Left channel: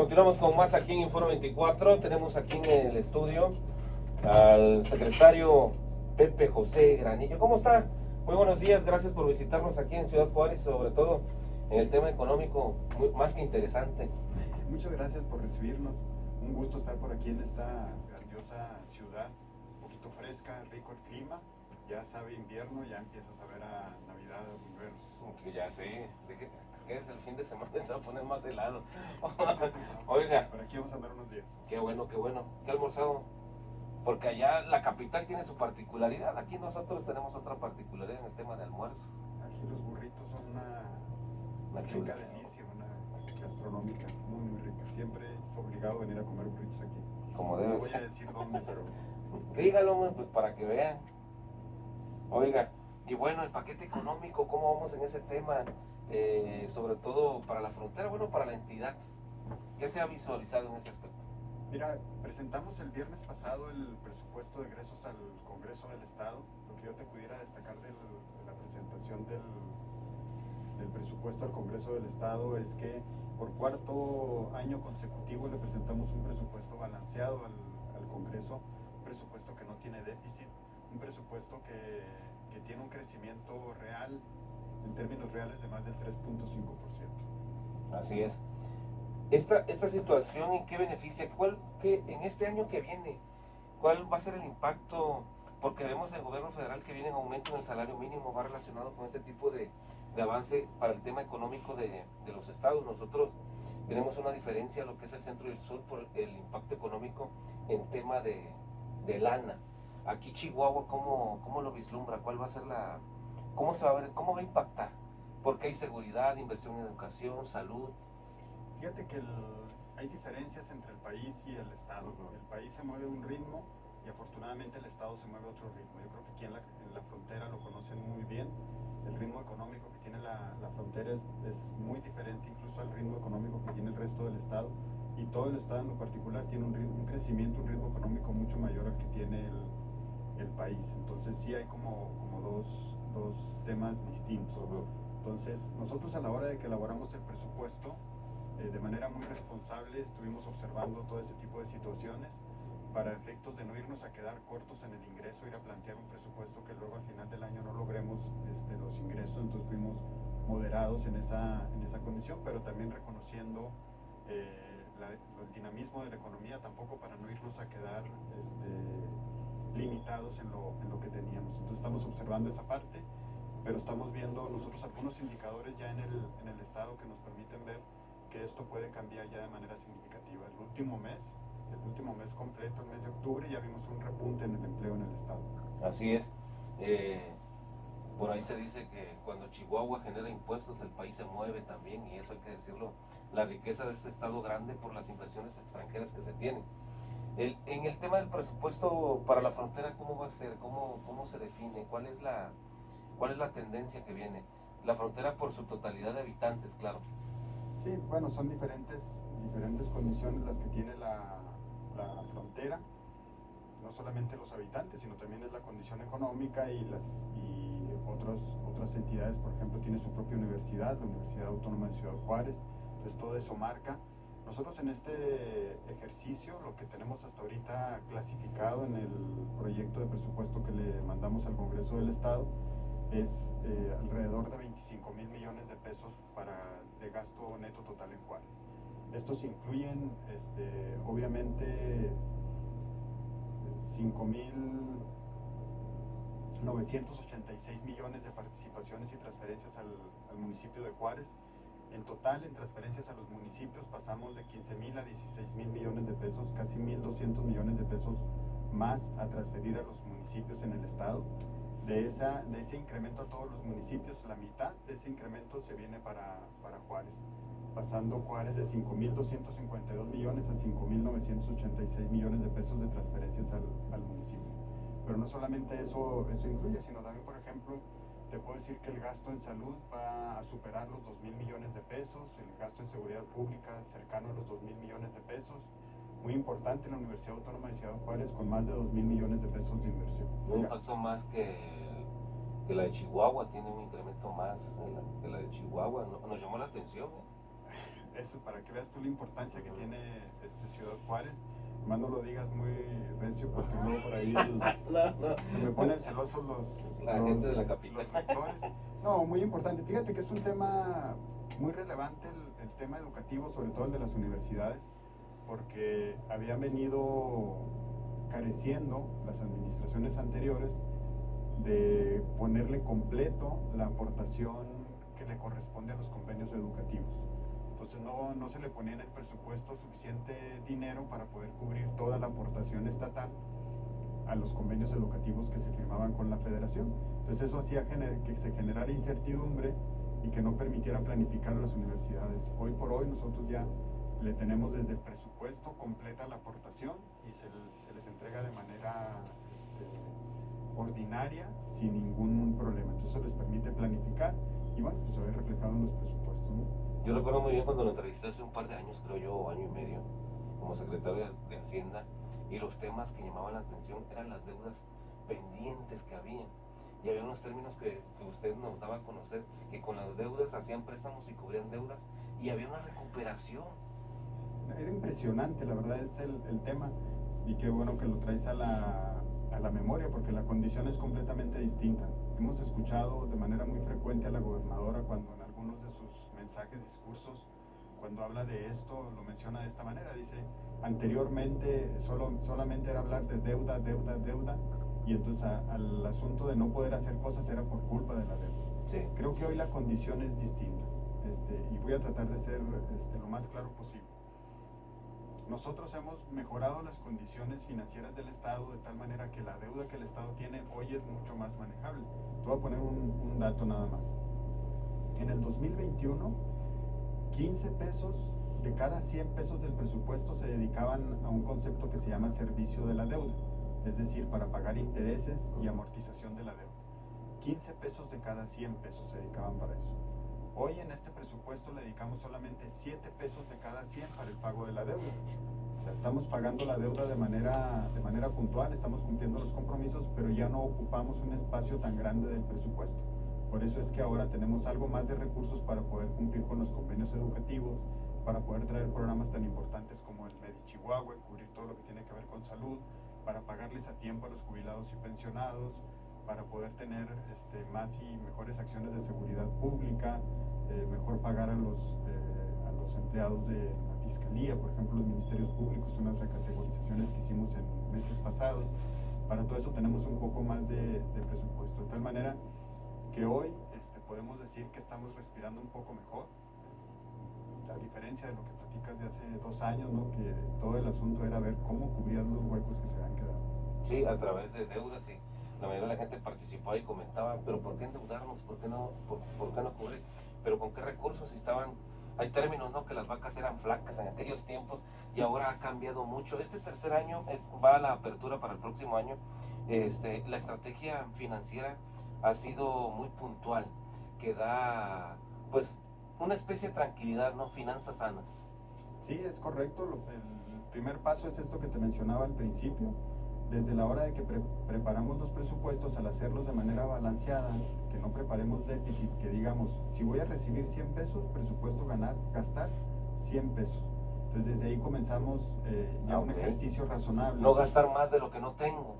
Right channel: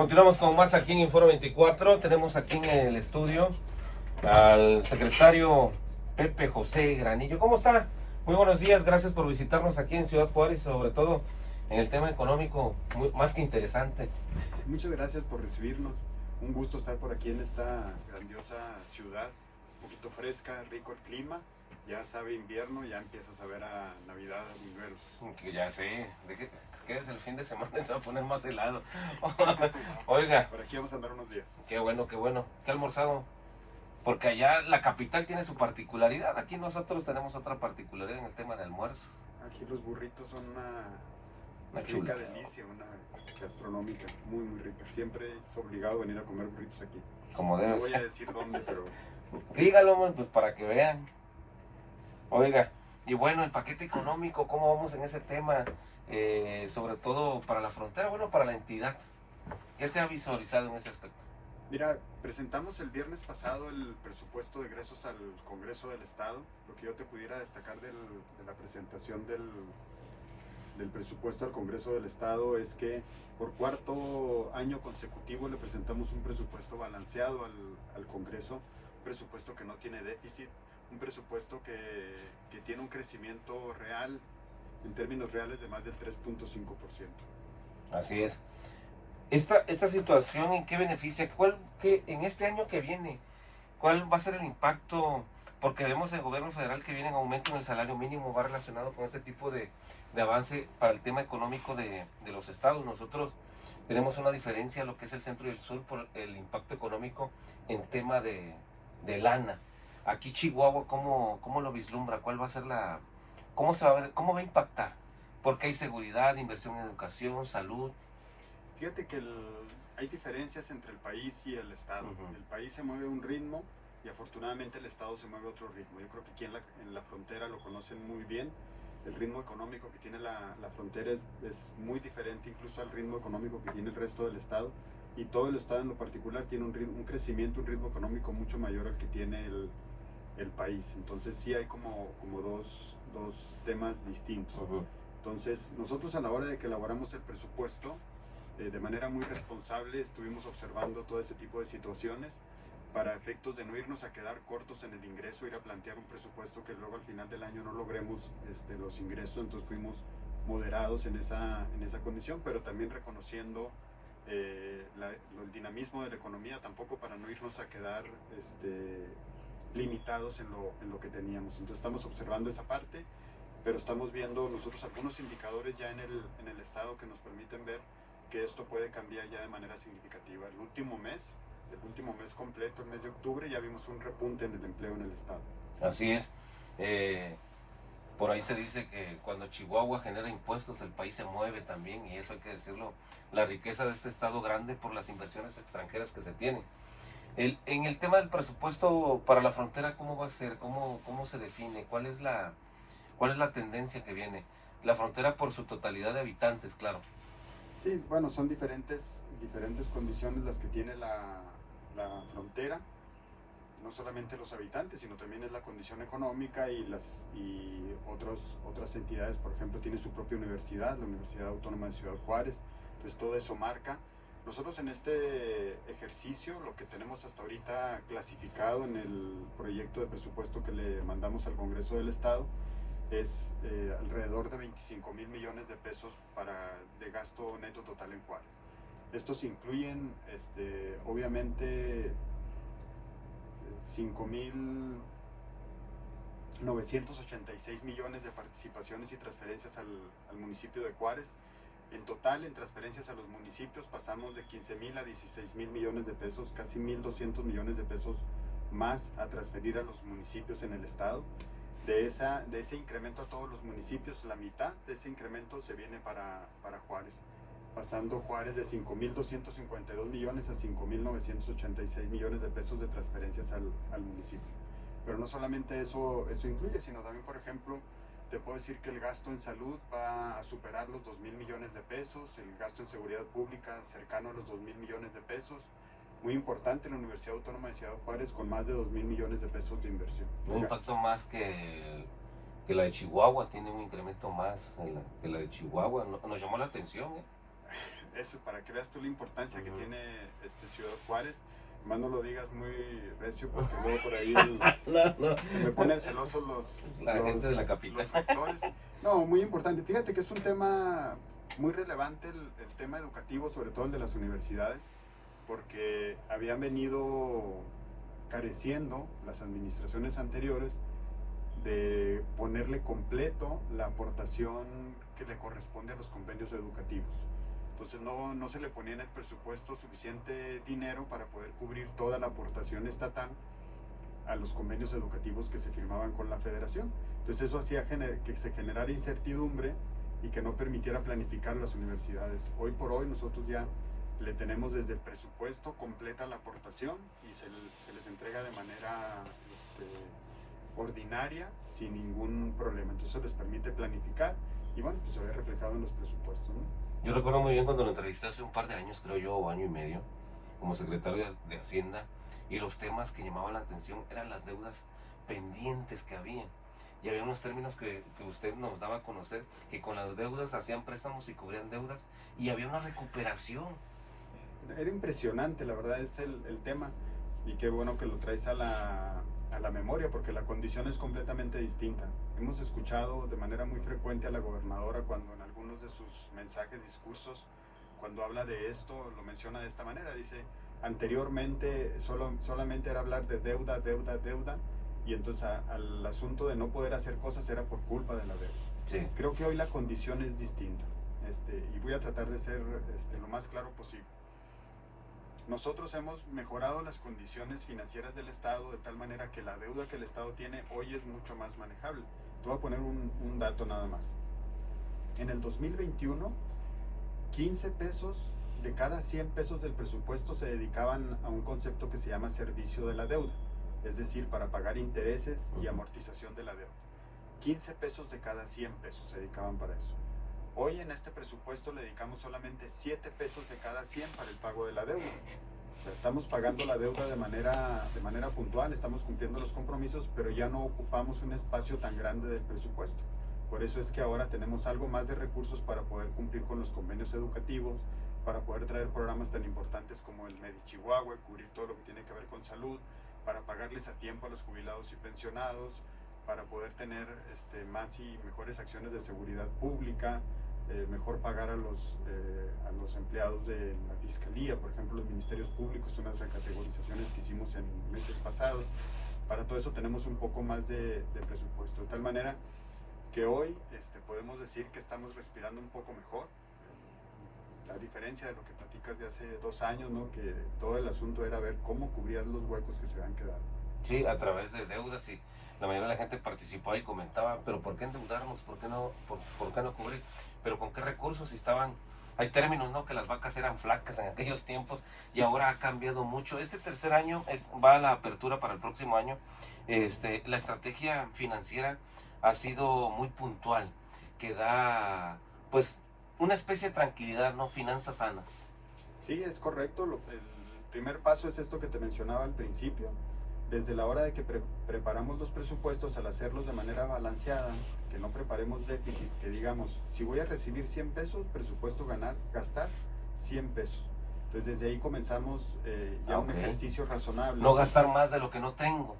Continuamos con más aquí en Inforo 24. Tenemos aquí en el estudio al secretario Pepe José Granillo. ¿Cómo está? Muy buenos días, gracias por visitarnos aquí en Ciudad Juárez, sobre todo en el tema económico, más que interesante. Muchas gracias por recibirnos. Un gusto estar por aquí en esta grandiosa ciudad, un poquito fresca, rico el clima. Ya sabe invierno, ya empiezas a ver a Navidad, buñuelos. Que ya sé, que es el fin de semana, se va a poner más helado. Oiga, Por aquí vamos a andar unos días. qué bueno, qué bueno. ¿Qué ha almorzado? Porque allá la capital tiene su particularidad, aquí nosotros tenemos otra particularidad en el tema de almuerzos. Aquí los burritos son una rica Chula. delicia, una gastronómica muy muy rica. Siempre es obligado venir a comer burritos aquí. Como debe No voy a ser. decir dónde, pero Dígalo, pues para que vean. Oiga, y bueno, el paquete económico, ¿cómo vamos en ese tema? Sobre todo para la frontera, bueno, para la entidad. ¿Qué se ha visualizado en ese aspecto? mira, presentamos el viernes pasado el presupuesto de egresos al Congreso del Estado. Lo que yo te pudiera destacar de la presentación del presupuesto al Congreso del Estado es que por cuarto año consecutivo le presentamos un presupuesto balanceado al Congreso, un presupuesto que no tiene déficit, un presupuesto que tiene un crecimiento real, en términos reales, de más del 3.5%. Así es. Esta situación, ¿en qué beneficia? En este año que viene, ¿cuál va a ser el impacto? Porque vemos el gobierno federal que viene en aumento en el salario mínimo, va relacionado con este tipo de avance para el tema económico de los estados. Nosotros tenemos una diferencia, lo que es el centro y el sur, por el impacto económico en tema de lana. Aquí Chihuahua, ¿cómo lo vislumbra? ¿Cuál va a ser cómo se va a ver, cómo va a impactar? Porque hay seguridad, inversión en educación, salud. Fíjate que hay diferencias entre el país y el Estado. El país se mueve a un ritmo y afortunadamente el Estado se mueve a otro ritmo. Yo creo que aquí en la frontera lo conocen muy bien. El ritmo económico que tiene la frontera es muy diferente incluso al ritmo económico que tiene el resto del Estado. Y todo el Estado en lo particular tiene un crecimiento, un ritmo económico mucho mayor al que tiene el país. Entonces sí hay como dos temas distintos. Entonces nosotros, a la hora de que elaboramos el presupuesto, de manera muy responsable estuvimos observando todo ese tipo de situaciones para efectos de no irnos a quedar cortos en el ingreso, ir a plantear un presupuesto que luego al final del año no logremos los ingresos. Entonces fuimos moderados en esa condición, pero también reconociendo el dinamismo de la economía, tampoco para no irnos a quedar limitados en lo que teníamos. Entonces estamos observando esa parte, pero estamos viendo nosotros algunos indicadores ya en el estado que nos permiten ver que esto puede cambiar ya de manera significativa. El último mes completo, el mes de octubre, ya vimos un repunte en el empleo en el estado. Así es. Por ahí se dice que cuando Chihuahua genera impuestos, el país se mueve también, y eso hay que decirlo, la riqueza de este estado grande por las inversiones extranjeras que se tienen. En el tema del presupuesto para la frontera, ¿cómo va a ser? ¿Cómo se define? ¿Cuál es la tendencia que viene? La frontera por su totalidad de habitantes, claro. Sí, bueno, son diferentes condiciones las que tiene la frontera, no solamente los habitantes, sino también es la condición económica y otras entidades. Por ejemplo, tiene su propia universidad, la Universidad Autónoma de Ciudad Juárez. Entonces todo eso marca. Nosotros en este ejercicio, lo que tenemos hasta ahorita clasificado en el proyecto de presupuesto que le mandamos al Congreso del Estado, es alrededor de 25 mil millones de pesos de gasto neto total en Juárez. Estos incluyen, obviamente, 5.986 millones de participaciones y transferencias al municipio de Juárez. En total, en transferencias a los municipios, pasamos de 15.000 a 16.000 millones de pesos, casi 1.200 millones de pesos más a transferir a los municipios en el estado. De ese incremento a todos los municipios, la mitad de ese incremento se viene para Juárez, pasando Juárez de 5.252 millones a 5.986 millones de pesos de transferencias al municipio. Pero no solamente eso incluye, sino también, por ejemplo, te puedo decir que el gasto en salud va a superar los 2.000 millones de pesos, el gasto en seguridad pública cercano a los 2.000 millones de pesos. Muy importante la Universidad Autónoma de Ciudad Juárez, con más de 2.000 millones de pesos de inversión. Un impacto más que la de Chihuahua, tiene un incremento más que la de Chihuahua. Nos llamó la atención. eso, para que veas tú la importancia que tiene Ciudad Juárez. Más no lo digas muy recio porque luego por ahí se me ponen celosos la gente de la capital. Los rectores. No, muy importante. Fíjate que es un tema muy relevante el tema educativo, sobre todo el de las universidades, porque habían venido careciendo las administraciones anteriores de ponerle completo la aportación que le corresponde a los convenios educativos. Entonces no se le ponía en el presupuesto suficiente dinero para poder cubrir toda la aportación estatal a los convenios educativos que se firmaban con la federación. Entonces eso hacía que se generara incertidumbre y que no permitiera planificar las universidades. Hoy por hoy nosotros ya le tenemos desde el presupuesto completa la aportación y se les entrega de manera ordinaria sin ningún problema. Entonces les permite planificar y bueno, pues se ve reflejado en los presupuestos, ¿no? Yo recuerdo muy bien cuando lo entrevisté hace un par de años, creo yo, o año y medio, como secretario de Hacienda, y los temas que llamaban la atención eran las deudas pendientes que había. Y había unos términos que usted nos daba a conocer, que con las deudas hacían préstamos y cubrían deudas, y había una recuperación. Era impresionante, la verdad, es el tema, y qué bueno que lo traes a la memoria, porque la condición es completamente distinta. Hemos escuchado de manera muy frecuente a la gobernadora cuando en algunos de sus mensajes, discursos, cuando habla de esto, lo menciona de esta manera. Dice, anteriormente solamente era hablar de deuda, deuda, deuda, y entonces al asunto de no poder hacer cosas era por culpa de la deuda. Sí. Creo que hoy la condición es distinta, y voy a tratar de ser lo más claro posible. Nosotros hemos mejorado las condiciones financieras del Estado de tal manera que la deuda que el Estado tiene hoy es mucho más manejable. Te voy a poner un dato nada más. En el 2021, 15 pesos de cada 100 pesos del presupuesto se dedicaban a un concepto que se llama servicio de la deuda, es decir, para pagar intereses y amortización de la deuda. 15 pesos de cada 100 pesos se dedicaban para eso. Hoy en este presupuesto le dedicamos solamente 7 pesos de cada 100 para el pago de la deuda. O sea, estamos pagando la deuda de manera puntual, estamos cumpliendo los compromisos, pero ya no ocupamos un espacio tan grande del presupuesto. Por eso es que ahora tenemos algo más de recursos para poder cumplir con los convenios educativos, para poder traer programas tan importantes como el Medi Chihuahua, cubrir todo lo que tiene que ver con salud, para pagarles a tiempo a los jubilados y pensionados, para poder tener más y mejores acciones de seguridad pública, mejor pagar a los empleados de la Fiscalía, por ejemplo, los ministerios públicos, unas recategorizaciones que hicimos en meses pasados. Para todo eso tenemos un poco más de presupuesto, de tal manera que hoy podemos decir que estamos respirando un poco mejor, a diferencia de lo que platicas de hace 2 años, ¿no? Que todo el asunto era ver cómo cubrías los huecos que se habían quedado. Sí, a través de deudas, y la mayoría de la gente participaba y comentaba, pero ¿por qué endeudarnos? ¿Por qué no cubrir? ¿Pero con qué recursos? Hay términos, ¿no? Que las vacas eran flacas en aquellos tiempos y ahora ha cambiado mucho. Este tercer año va a la apertura para el próximo año. La estrategia financiera ha sido muy puntual, que da, pues, una especie de tranquilidad, ¿no? Finanzas sanas. Sí, es correcto. El primer paso es esto que te mencionaba al principio. Desde la hora de que preparamos los presupuestos, al hacerlos de manera balanceada, que no preparemos déficit, que digamos, si voy a recibir 100 pesos, presupuesto gastar 100 pesos. Entonces desde ahí comenzamos un ejercicio razonable. No gastar más de lo que no tengo.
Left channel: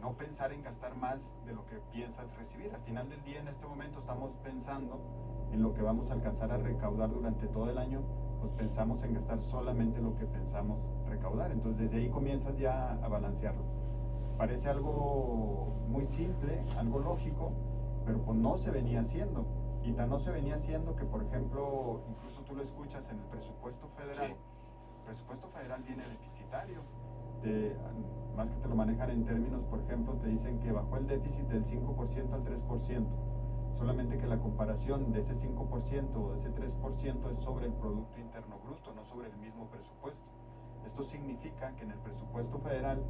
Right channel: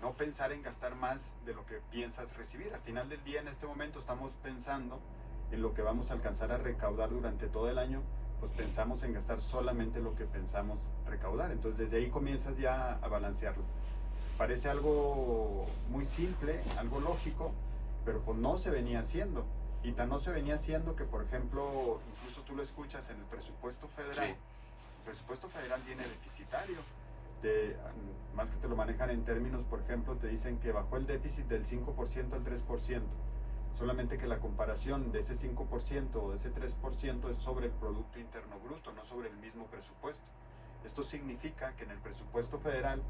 No pensar en gastar más de lo que piensas recibir. Al final del día, en este momento, estamos pensando en lo que vamos a alcanzar a recaudar durante todo el año, pues pensamos en gastar solamente lo que pensamos recaudar. Entonces desde ahí comienzas ya a balancearlo. Parece algo muy simple, algo lógico, pero pues no se venía haciendo. Y tan no se venía haciendo que, por ejemplo, incluso tú lo escuchas en el presupuesto federal. Sí. El presupuesto federal viene deficitario. Más que te lo manejan en términos, por ejemplo, te dicen que bajó el déficit del 5% al 3%. Solamente que la comparación de ese 5% o de ese 3% es sobre el Producto Interno Bruto, no sobre el mismo presupuesto. Esto significa que en el presupuesto federal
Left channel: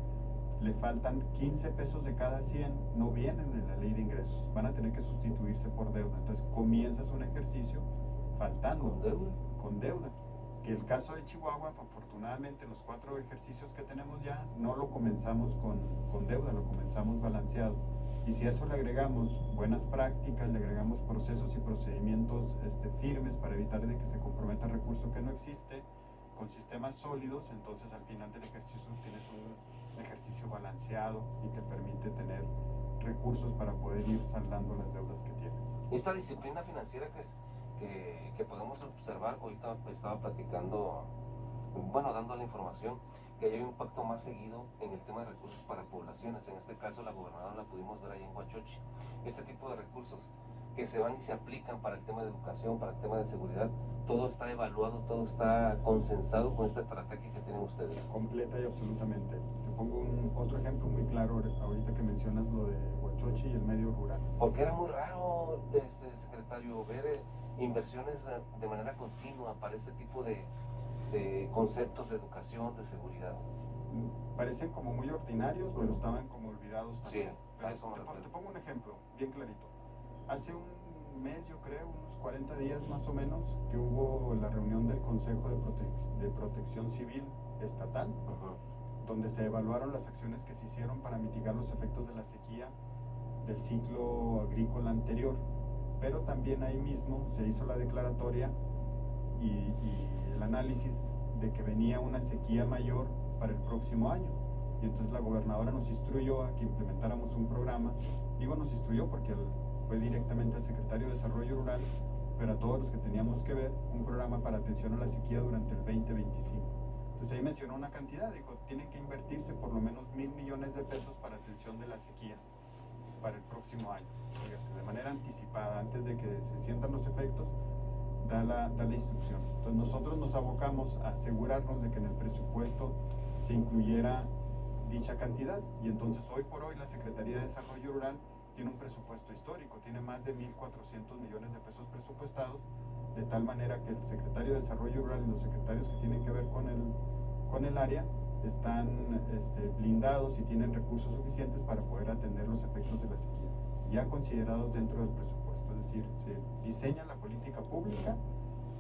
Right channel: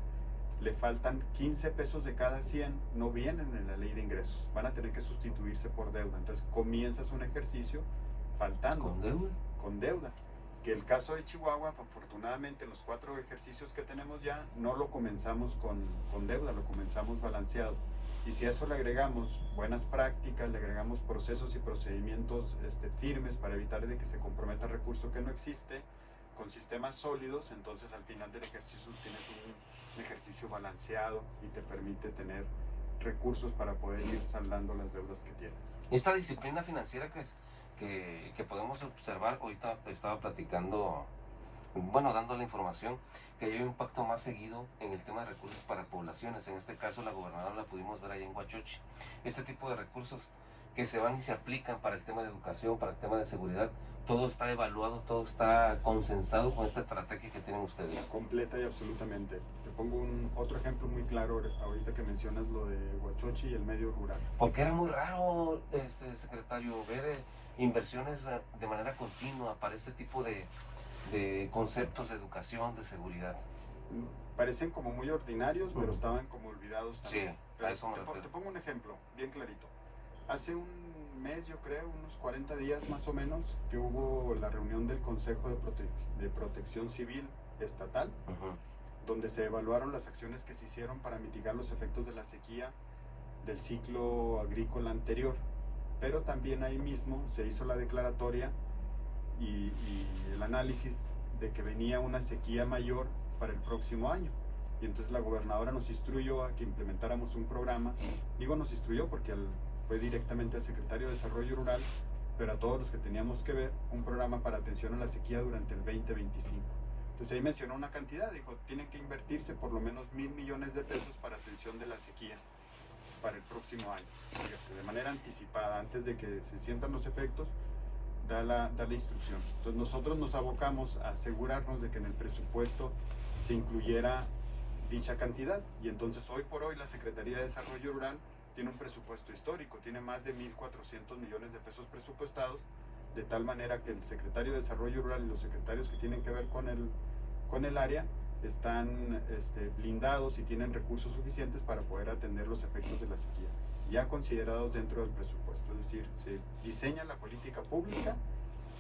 le faltan 15 pesos de cada 100, no vienen en la ley de ingresos, van a tener que sustituirse por deuda. Entonces comienzas un ejercicio faltando. ¿Con deuda? Con deuda. Que el caso de Chihuahua, afortunadamente, los 4 ejercicios que tenemos ya, no lo comenzamos con deuda, lo comenzamos balanceado. Y si a eso le agregamos buenas prácticas, le agregamos procesos y procedimientos firmes para evitar de que se comprometa recurso que no existe, con sistemas sólidos, entonces al final del ejercicio tienes un ejercicio balanceado y te permite tener recursos para poder ir saldando las deudas que tienes. Esta disciplina financiera que podemos observar, ahorita estaba platicando, bueno, dando la información, que hay un impacto más seguido en el tema de recursos para poblaciones. En este caso, la gobernadora la pudimos ver ahí en Huachochi. Este tipo de recursos que se van y se aplican para el tema de educación, para el tema de seguridad, todo está evaluado, todo está consensado con esta estrategia que tienen ustedes. Completa y absolutamente. Te pongo otro ejemplo muy claro ahorita que mencionas lo de Huachochi y el medio rural. Porque era muy raro, secretario, ver inversiones de manera continua para este tipo de conceptos de educación, de seguridad. Parecen como muy ordinarios, pero estaban como olvidados también. Sí, a eso me refiero. Te pongo un ejemplo bien clarito. Hace un mes, yo creo, unos 40 días más o menos, que hubo la reunión del Consejo de Protección Civil Estatal, donde se evaluaron las acciones que se hicieron para mitigar los efectos de la sequía del ciclo agrícola anterior. Pero también ahí mismo se hizo la declaratoria y el análisis de que venía una sequía mayor para el próximo año. Y entonces la gobernadora nos instruyó a que implementáramos un programa. Digo nos instruyó porque fue directamente al secretario de Desarrollo Rural, pero a todos los que teníamos que ver, un programa para atención a la sequía durante el 2025. Entonces ahí mencionó una cantidad, dijo, tienen que invertirse por lo menos 1,000 millones de pesos para atención de la sequía para el próximo año. Fíjate, de manera anticipada, antes de que se sientan los efectos, da la instrucción. Entonces nosotros nos abocamos a asegurarnos de que en el presupuesto se incluyera dicha cantidad, y entonces hoy por hoy la Secretaría de Desarrollo Rural tiene un presupuesto histórico, tiene más de 1,400 millones de pesos presupuestados, de tal manera que el secretario de Desarrollo Rural y los secretarios que tienen que ver con el área están blindados y tienen recursos suficientes para poder atender los efectos de la sequía, ya considerados dentro del presupuesto. Es decir, se diseña la política pública,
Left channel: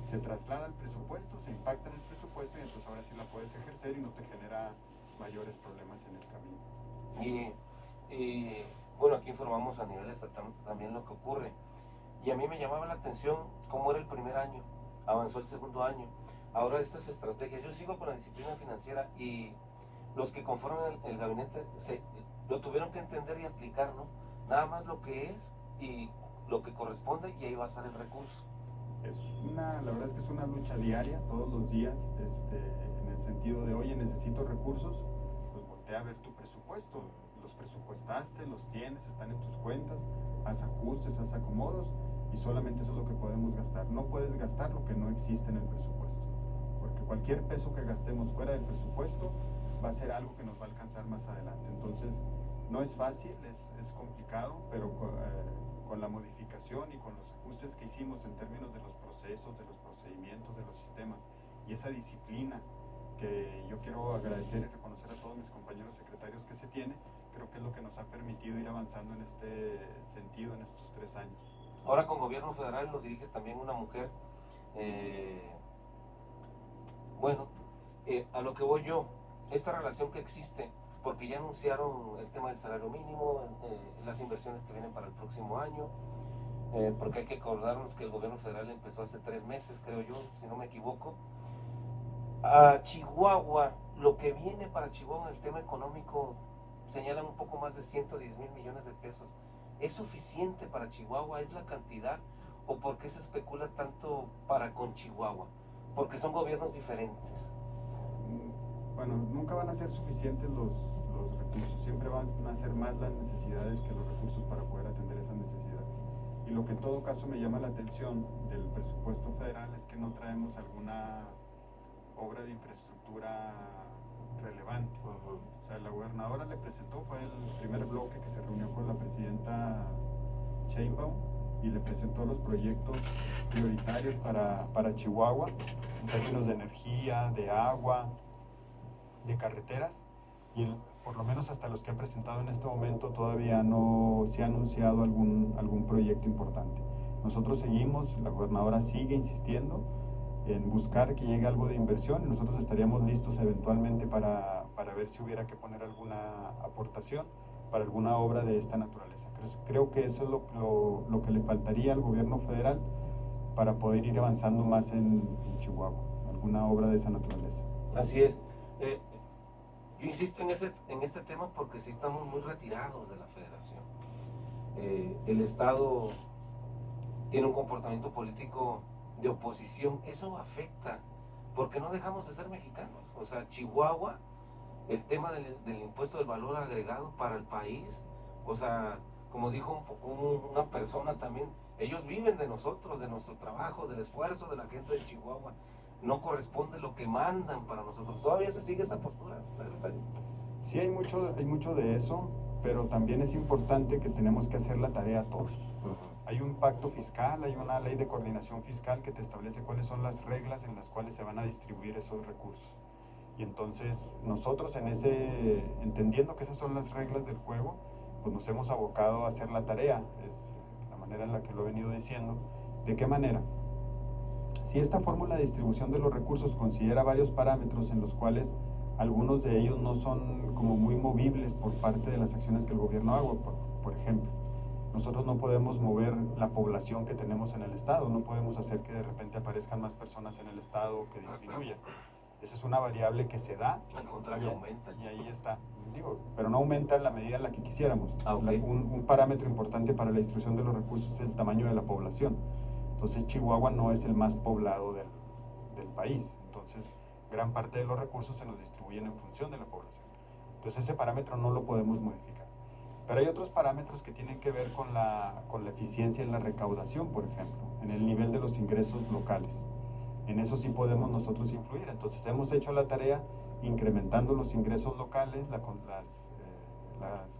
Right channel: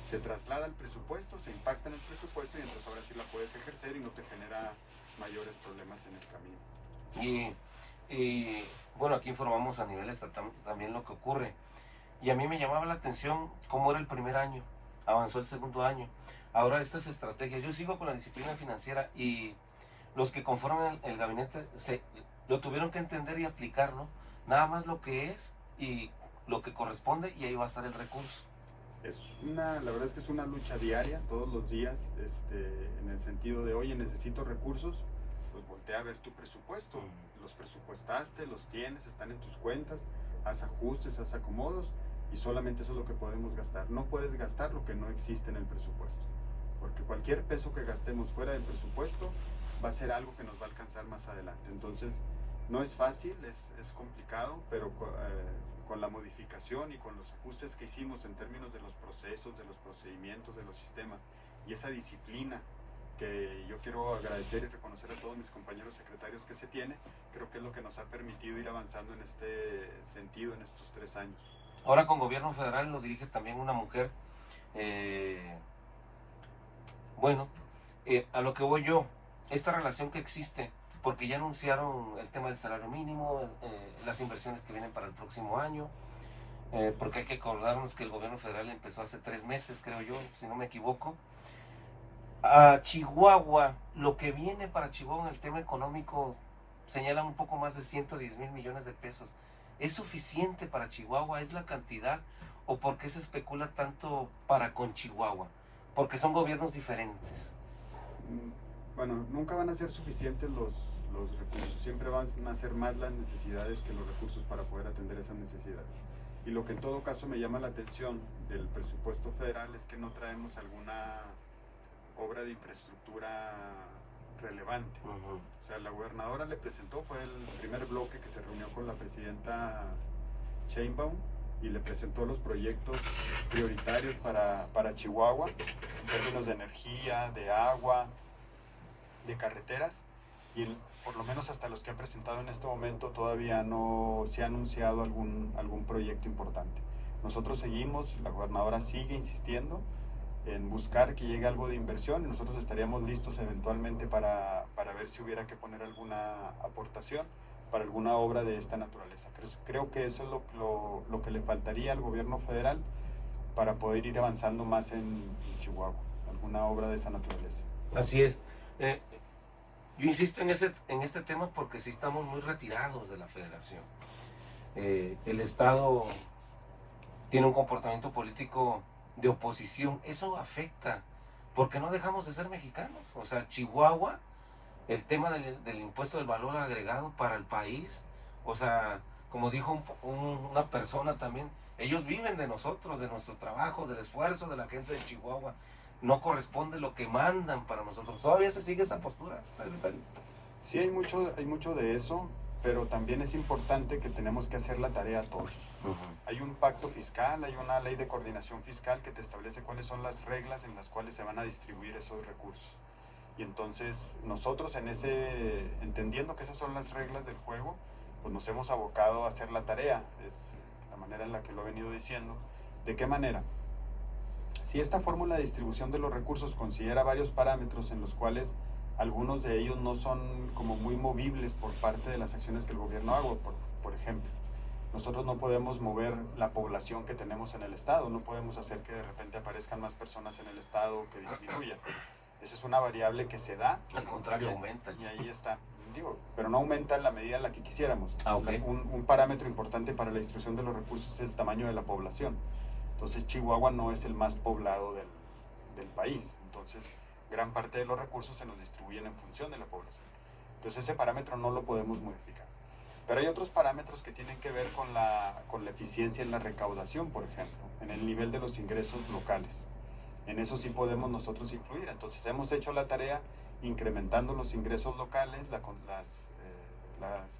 se traslada al presupuesto, se impacta en el presupuesto, y entonces ahora sí la puedes ejercer y no te genera mayores problemas en el camino. Y bueno, aquí informamos a nivel estatal también lo que ocurre. Y a mí me llamaba la atención cómo era el primer año, avanzó el segundo año. Ahora estas estrategias, yo sigo con la disciplina financiera, y los que conforman el gabinete lo tuvieron que entender y aplicar, ¿no? Nada más lo que es y lo que corresponde, y ahí va a estar el recurso. La verdad es que es una lucha diaria, todos los días, en el sentido de, oye, necesito recursos, pues voltea a ver tu presupuesto. Los presupuestaste, los tienes, están en tus cuentas, haz ajustes, haz acomodos, y solamente eso es lo que podemos gastar. No puedes gastar lo que no existe en el presupuesto, porque cualquier peso que gastemos fuera del presupuesto va a ser algo que nos va a alcanzar más adelante. Entonces, no es fácil, es complicado, pero con la modificación y con los ajustes que hicimos en términos de los procesos, de los procedimientos, de los sistemas, y esa disciplina que yo quiero agradecer y reconocer a todos mis compañeros secretarios que se tiene, creo que es lo que nos ha permitido ir avanzando en este sentido en estos 3 años. Ahora con gobierno federal lo dirige también una mujer. Bueno, a lo que voy yo, esta relación que existe, porque ya anunciaron el tema del salario mínimo, las inversiones que vienen para el próximo año, porque hay que acordarnos que el gobierno federal empezó hace 3 meses, creo yo, si no me equivoco. A Chihuahua, lo que viene para Chihuahua en el tema económico, señalan un poco más de 110,000 millones de pesos. ¿Es suficiente para Chihuahua? ¿Es la cantidad? ¿O por qué se especula tanto para con Chihuahua? Porque son gobiernos diferentes. Bueno, nunca van a ser suficientes los recursos, siempre van a ser más las necesidades que los recursos para poder atender esas necesidades. Y lo que en todo caso me llama la atención del presupuesto federal es que no traemos alguna obra de infraestructura relevante. O sea, la gobernadora le presentó, fue el primer bloque que se reunió con la presidenta Sheinbaum, y le presentó los proyectos prioritarios para Chihuahua, en términos de energía, de agua, de carreteras, y por lo menos hasta los que ha presentado en este momento todavía no se ha anunciado algún proyecto importante. Nosotros seguimos, la gobernadora sigue insistiendo en buscar que llegue algo de inversión, y nosotros estaríamos listos eventualmente para ver si hubiera que poner alguna aportación, para alguna obra de esta naturaleza. Creo que eso es lo que le faltaría al gobierno federal para poder ir avanzando más en Chihuahua, alguna obra de esa naturaleza. Así es. Yo insisto en este tema porque sí estamos muy retirados de la federación. El Estado tiene un comportamiento político de oposición. Eso afecta, porque no dejamos de ser mexicanos. O sea, Chihuahua, el tema del impuesto del valor agregado para el país, o sea, como dijo una persona también, ellos viven de nosotros, de nuestro trabajo, del esfuerzo de la gente de Chihuahua. No corresponde lo que mandan para nosotros. ¿Todavía se sigue esa postura, secretario? Sí, hay mucho de eso, pero también es importante que tenemos que hacer la tarea todos. Hay un pacto fiscal, hay una ley de coordinación fiscal que te establece cuáles son las reglas en las cuales se van a distribuir esos recursos. Y entonces nosotros entendiendo que esas son las reglas del juego, pues nos hemos abocado a hacer la tarea, es la manera en la que lo he venido diciendo. ¿De qué manera? Si esta fórmula de distribución de los recursos considera varios parámetros en los cuales algunos de ellos no son como muy movibles por parte de las acciones que el gobierno haga, por ejemplo, nosotros no podemos mover la población que tenemos en el estado, no podemos hacer que de repente aparezcan más personas en el estado o que disminuyan. Esa es una variable que se da. Al contrario, aumenta. Y ahí está. Digo, pero no aumenta en la medida en la que quisiéramos. Okay. Un parámetro importante para la distribución de los recursos es el tamaño de la población. Entonces Chihuahua no es el más poblado del país. Entonces gran parte de los recursos se nos distribuyen en función de la población. Entonces ese parámetro no lo podemos modificar. Pero hay otros parámetros que tienen que ver con la eficiencia en la recaudación, por ejemplo, en el nivel de los ingresos locales. En eso sí podemos nosotros influir. Entonces hemos hecho la tarea incrementando los ingresos locales, las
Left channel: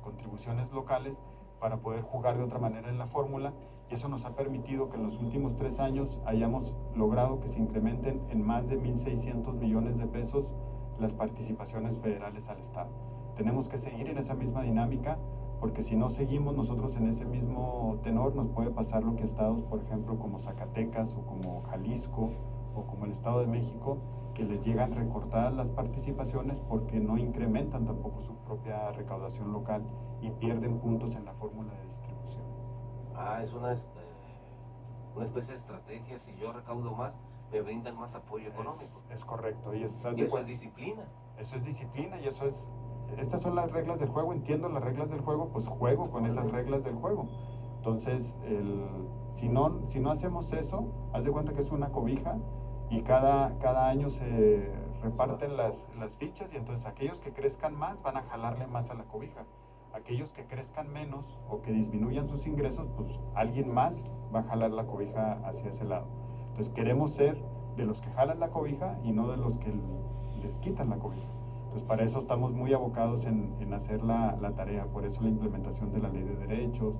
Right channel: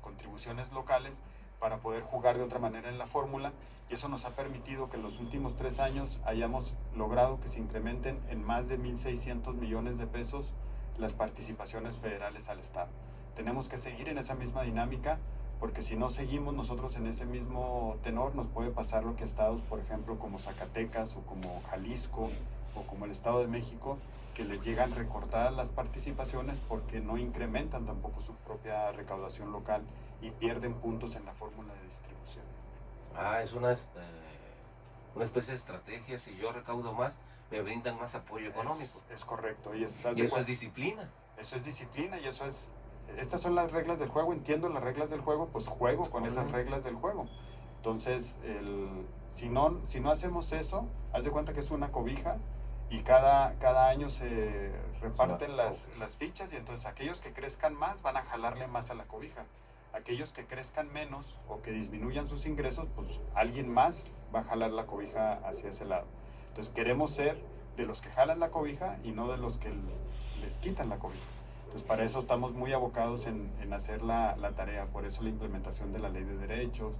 contribuciones locales, para poder jugar de otra manera en la fórmula, y eso nos ha permitido que en los últimos 3 años hayamos logrado que se incrementen en más de 1.600 millones de pesos las participaciones federales al Estado. Tenemos que seguir en esa misma dinámica, porque si no seguimos nosotros en ese mismo tenor, nos puede pasar lo que estados, por ejemplo, como Zacatecas o como Jalisco o como el Estado de México, que les llegan recortadas las participaciones porque no incrementan tampoco su propia recaudación local y pierden puntos en la fórmula de distribución. Es una especie de estrategia. Si yo recaudo más, me brindan más apoyo económico. Es correcto. Y eso es disciplina. Eso es disciplina y eso es... Estas son las reglas del juego, entiendo las reglas del juego, pues juego con esas reglas del juego. Entonces, si no hacemos eso, haz de cuenta que es una cobija y cada año se reparten las fichas, y entonces aquellos que crezcan más van a jalarle más a la cobija. Aquellos que crezcan menos o que disminuyan sus ingresos, pues alguien más va a jalar la cobija hacia ese lado. Entonces queremos ser de los que jalan la cobija y no de los que les quitan la cobija. Entonces para eso estamos muy abocados en hacer la tarea, por eso la implementación de la ley de derechos,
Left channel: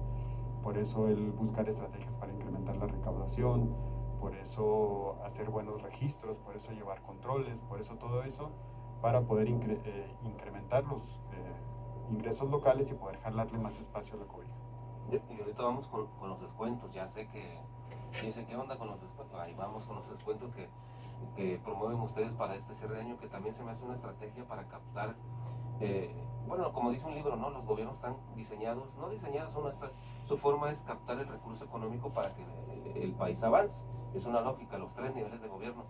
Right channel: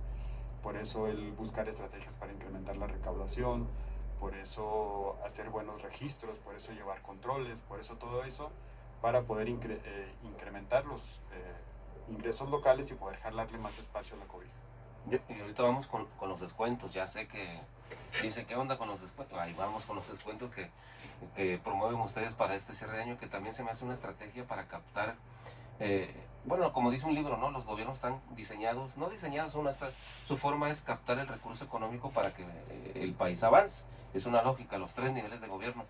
por eso el buscar estrategias para incrementar la recaudación, por eso hacer buenos registros, por eso llevar controles, por eso todo eso, para poder incrementar los ingresos locales y poder jalarle más espacio a la cobija. Y ahorita vamos con los descuentos. Ya sé que dice, ¿qué onda con los descuentos? Ahí vamos con los descuentos que promueven ustedes para este cierre de año, que también se me hace una estrategia para captar, bueno, como dice un libro, ¿no? Los gobiernos están diseñados, no diseñados, su forma es captar el recurso económico para que el país avance. Es una lógica, los 3 niveles de gobierno.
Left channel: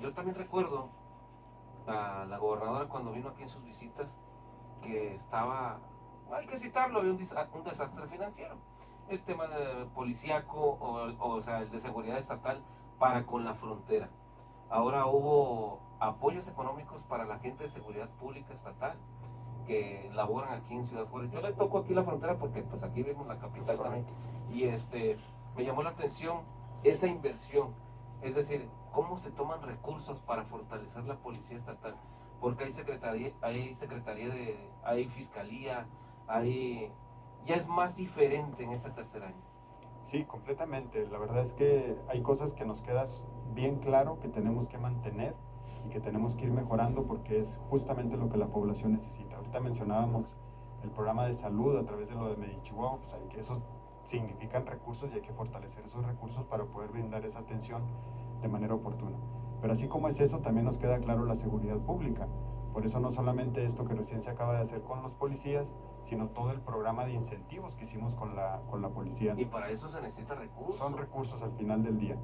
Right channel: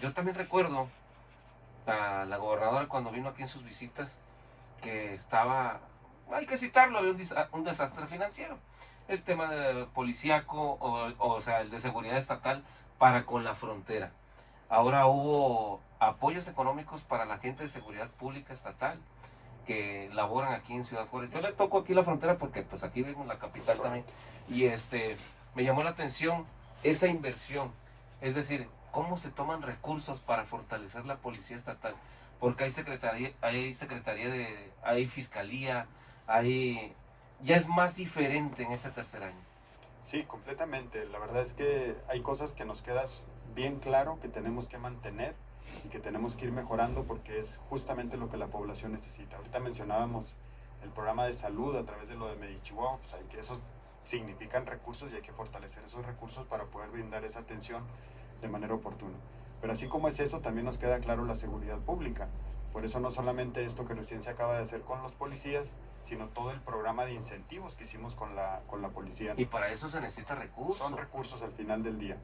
Yo también recuerdo a la gobernadora cuando vino aquí en sus visitas, que estaba, hay que citarlo, había un desastre financiero. El tema de policíaco, o sea, el de seguridad estatal para con la frontera. Ahora hubo apoyos económicos para la gente de seguridad pública estatal que laboran aquí en Ciudad Juárez. Yo le toco aquí la frontera porque pues aquí vemos la capital también. Y me llamó la atención esa inversión. Es decir, cómo se toman recursos para fortalecer la policía estatal. Porque hay fiscalía, ya es más diferente en este tercer año. Sí, completamente. La verdad es que hay cosas que nos quedan bien claro que tenemos que mantener y que tenemos que ir mejorando, porque es justamente lo que la población necesita. Ahorita mencionábamos el programa de salud a través de lo de Medichihuahua, pues hay que eso significan recursos y hay que fortalecer esos recursos para poder brindar esa atención de manera oportuna. Pero así como es eso, también nos queda claro la seguridad pública. Por eso no solamente esto que recién se acaba de hacer con los policías, sino todo el programa de incentivos que hicimos con la policía. Y para eso se necesita recursos. Son recursos al final del día.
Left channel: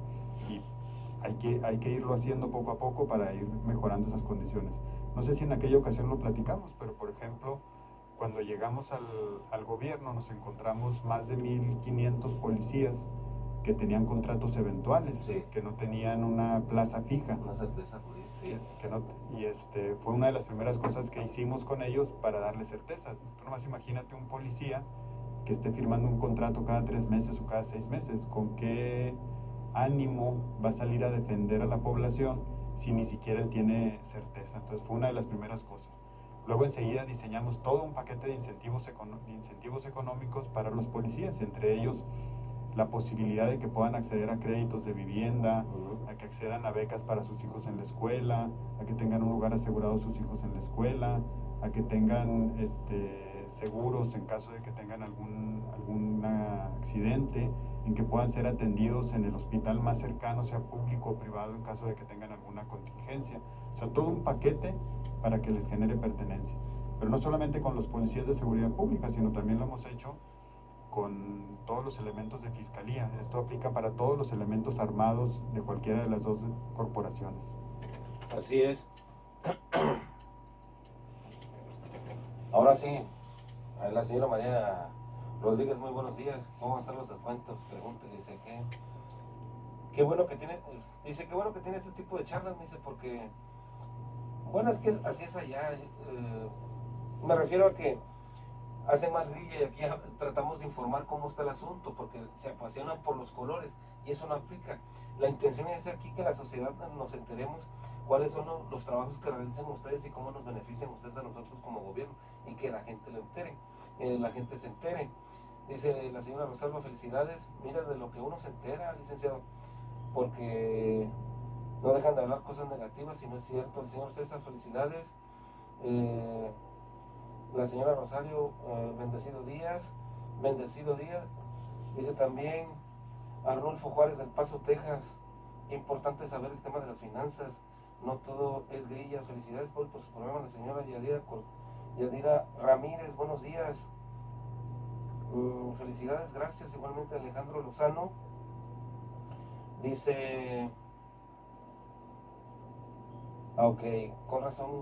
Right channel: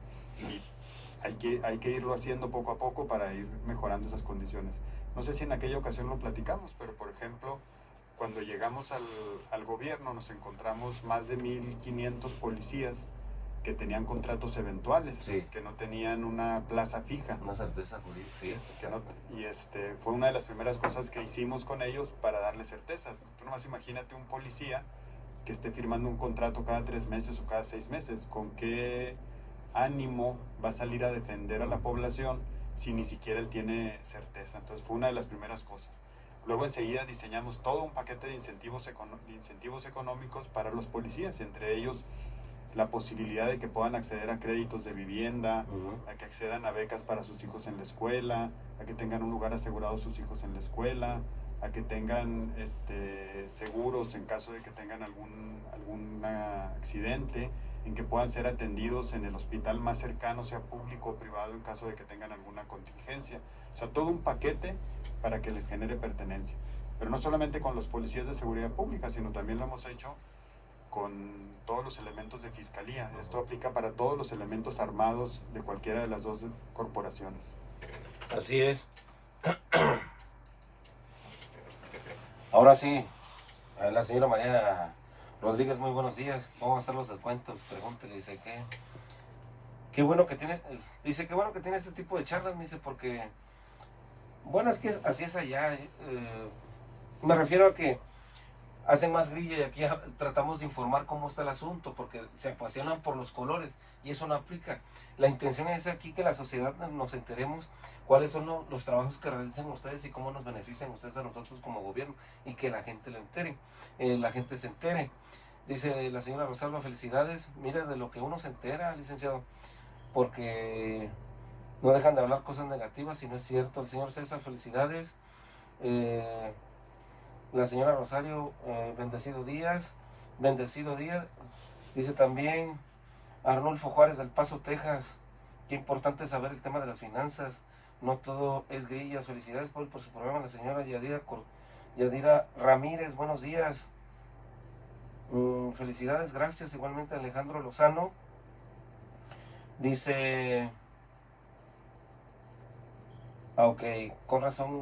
Y hay que irlo haciendo poco a poco para ir mejorando esas condiciones. No sé si en aquella ocasión lo platicamos, pero por ejemplo, cuando llegamos al gobierno nos encontramos más de 1,500 policías que tenían contratos eventuales, sí, que no tenían una plaza fija. Una certeza jurídica, sí. Y fue una de las primeras cosas que hicimos con ellos para darle certeza. Tú nomás imagínate un policía que esté firmando un contrato cada 3 meses o cada 6 meses. ¿Con qué ánimo va a salir a defender a la población si ni siquiera él tiene certeza? Entonces fue una de las primeras cosas. Luego enseguida diseñamos todo un paquete de incentivos económicos para los policías, entre ellos la posibilidad de que puedan acceder a créditos de vivienda, a que accedan a becas para sus hijos en la escuela, a que tengan un lugar asegurado sus hijos en la escuela, a que tengan seguros en caso de que tengan algún accidente, en que puedan ser atendidos en el hospital más cercano, sea público o privado, en caso de que tengan alguna contingencia. O sea, todo un paquete para que les genere pertenencia. Pero no solamente con los policías de seguridad pública, sino también lo hemos hecho con todos los elementos de fiscalía. Esto aplica para todos los elementos armados de cualquiera de las dos corporaciones. Así es. Ahora sí, a la señora María Rodríguez, muy buenos días. ¿Cómo van a estar los descuentos? Pregúntele, dice que qué bueno que tiene, dice qué bueno que tiene este tipo de charlas, me dice, porque bueno, es que así es allá. Me refiero a que hacen más grilla y aquí tratamos de informar cómo está el asunto, porque se apasionan por los colores y eso no aplica. La intención es aquí que la sociedad nos enteremos cuáles son los trabajos que realizan ustedes y cómo nos benefician ustedes a nosotros como gobierno, y que la gente lo entere, la gente se entere. Dice la señora Rosalba, felicidades, mire de lo que uno se entera, licenciado, porque no dejan de hablar cosas negativas y no es cierto. El señor César, felicidades. La señora Rosario, bendecido Díaz, dice también Arnulfo Juárez del Paso, Texas, qué importante saber el tema de las finanzas, no todo es grillas. Felicidades por su programa. La señora Yadira Ramírez, buenos días. Felicidades, gracias. Igualmente Alejandro Lozano dice, ok, con razón,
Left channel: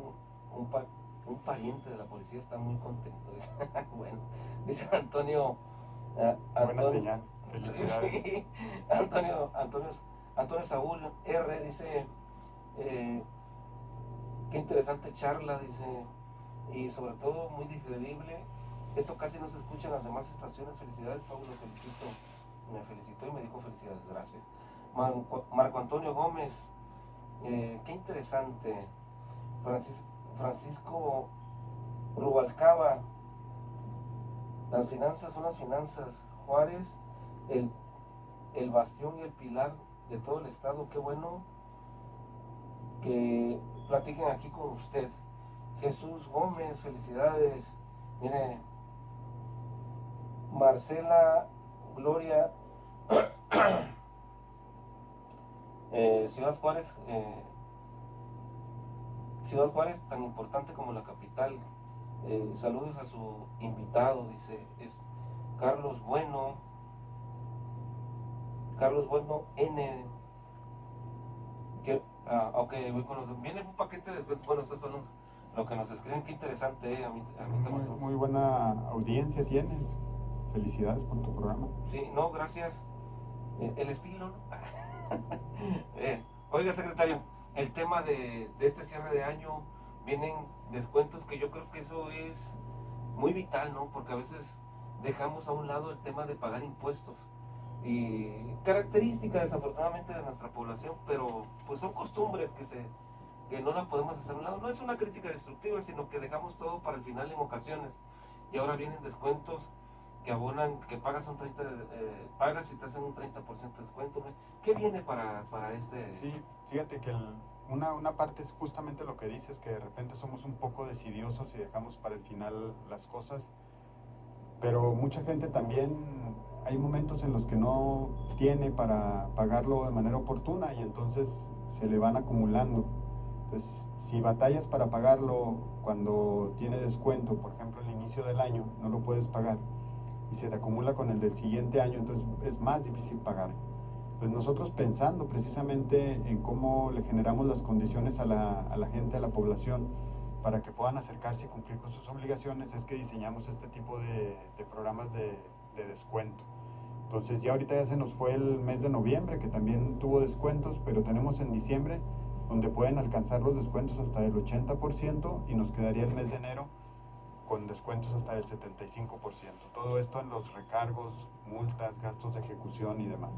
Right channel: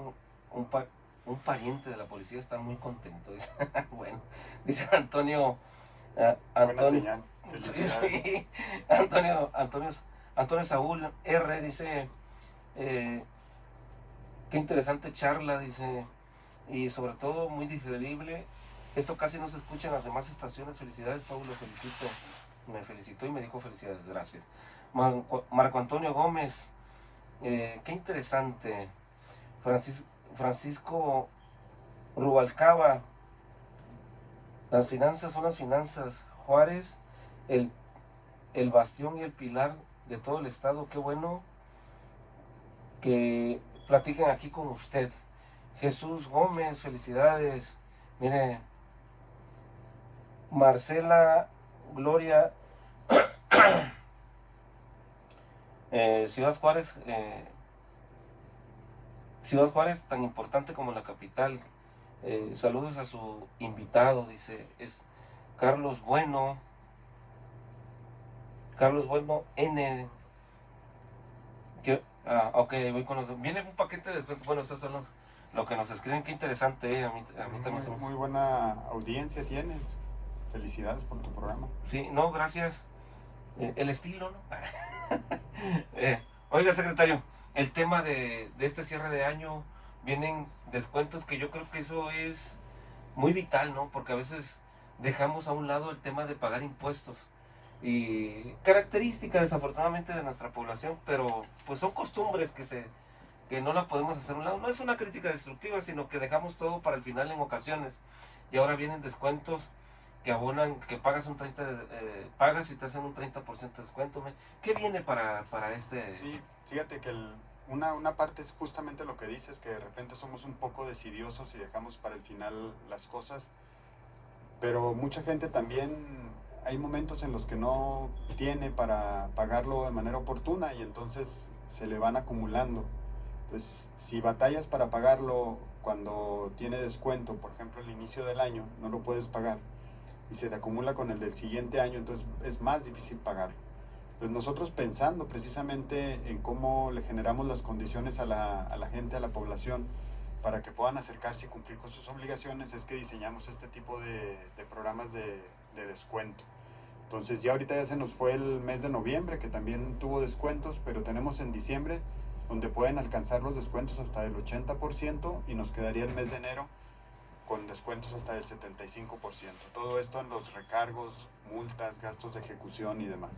un pariente de la policía está muy contento, dice. Bueno, dice Antonio, Buena señal, felicidades. Sí, Antonio Saúl R dice, qué interesante charla, dice, y sobre todo muy digerible. Esto casi no se escucha en las demás estaciones. Felicidades, Pablo, felicito. Me felicitó y me dijo felicidades, gracias. Marco Antonio Gómez, qué interesante. Francisco Rubalcaba, las finanzas son las finanzas. Juárez, el bastión y el pilar de todo el estado. Qué bueno que platiquen aquí con usted. Jesús Gómez, felicidades. Mire, Marcela Gloria, Ciudad Juárez, tan importante como la capital. Saludos a su invitado, dice, es Carlos Bueno N. Ok, voy con los. Viene un paquete de descuentos. Bueno, estos son lo que nos escriben. Qué interesante, a mí también. Muy buena audiencia tienes. Felicidades por tu programa. Sí, no, gracias. El estilo, ¿no? Oiga, secretario, el tema de este cierre de año, vienen descuentos que yo creo que eso es muy vital, ¿no? Porque a veces dejamos a un lado el tema de pagar impuestos. Y característica desafortunadamente de nuestra población, pero pues son costumbres que no la podemos hacer a un lado. No es una crítica destructiva, sino que dejamos todo para el final en ocasiones. Y ahora vienen descuentos que abonan, que pagas pagas y te hacen un 30% de descuento. ¿Qué viene para este? Sí, fíjate que una parte es justamente lo que dices, que de repente somos un poco decidiosos y dejamos para el final las cosas, pero mucha gente también, hay momentos en los que no tiene para pagarlo de manera oportuna y entonces se le van acumulando. Entonces, si batallas para pagarlo cuando tiene descuento, por ejemplo, al inicio del año, no lo puedes pagar y se te acumula con el del siguiente año, entonces es más difícil pagar. Pues nosotros pensando precisamente en cómo le generamos las condiciones a la gente, a la población, para que puedan acercarse y cumplir con sus obligaciones, es que diseñamos este tipo de programas de descuento. Entonces ya ahorita ya se nos fue el mes de noviembre, que también tuvo descuentos, pero tenemos en diciembre, donde pueden alcanzar los descuentos hasta del 80% y nos quedaría el mes de enero con descuentos hasta del 75%. Todo esto en los recargos, multas, gastos de ejecución y demás.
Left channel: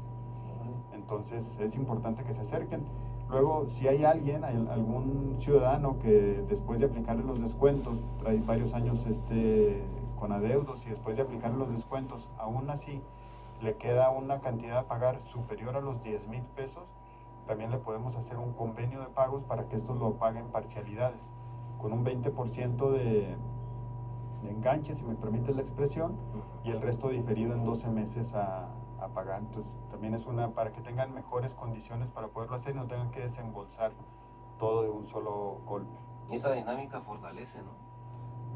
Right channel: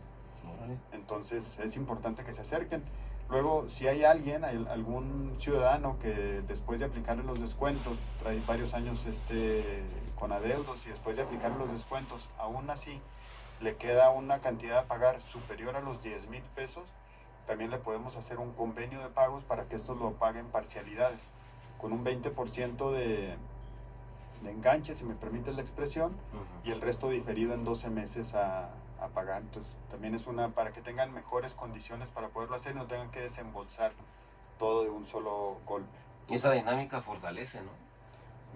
Entonces es importante que se acerquen. Luego, si hay alguien, algún ciudadano que después de aplicarle los descuentos, trae varios años con adeudos y después de aplicarle los descuentos, aún así le queda una cantidad a pagar superior a los 10,000 pesos, también le podemos hacer un convenio de pagos para que estos lo paguen parcialidades, con un 20% de enganche, si me permite la expresión, y el resto diferido en 12 meses a pagar. Entonces también es una para que tengan mejores condiciones para poderlo hacer y no tengan que desembolsar todo de un solo golpe. Y esa dinámica fortalece, ¿no?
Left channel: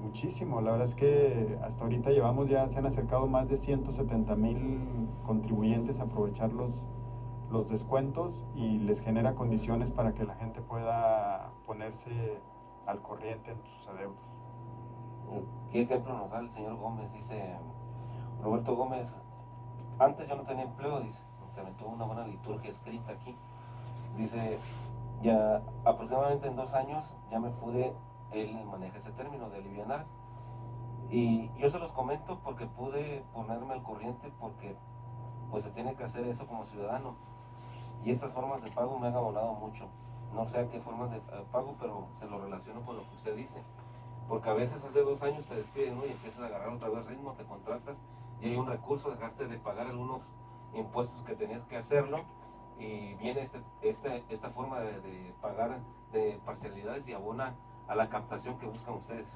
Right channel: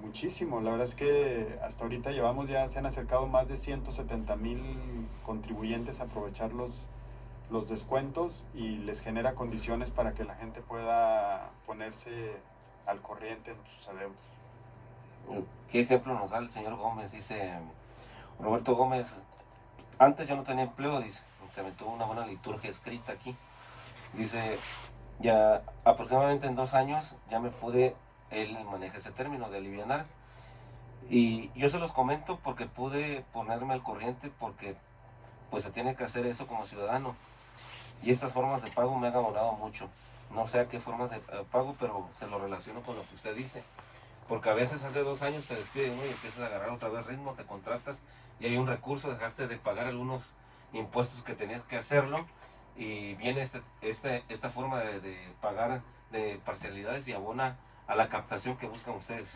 Muchísimo, la verdad es que hasta ahorita se han acercado más de 170,000 contribuyentes a aprovechar los descuentos y les genera condiciones para que la gente pueda ponerse al corriente en sus adeudos. ¿Qué ejemplo nos da el señor Gómez? Dice Roberto Gómez, antes yo no tenía empleo, dice, se me tuvo una buena liturgia escrita aquí. Dice, ya aproximadamente en 2 años ya me pude, él maneja ese término de alivianar. Y yo se los comento porque pude ponerme al corriente porque pues se tiene que hacer eso como ciudadano. Y estas formas de pago me han abonado mucho. No sé a qué formas de pago, pero se lo relaciono con lo que usted dice. Porque a veces hace 2 años te despiden, ¿no? Y empiezas a agarrar otra vez ritmo, te contratas y hay un recurso, dejaste de pagar algunos impuestos que tenías que hacerlo y viene esta forma de pagar de parcialidades y abona a la captación que buscan ustedes.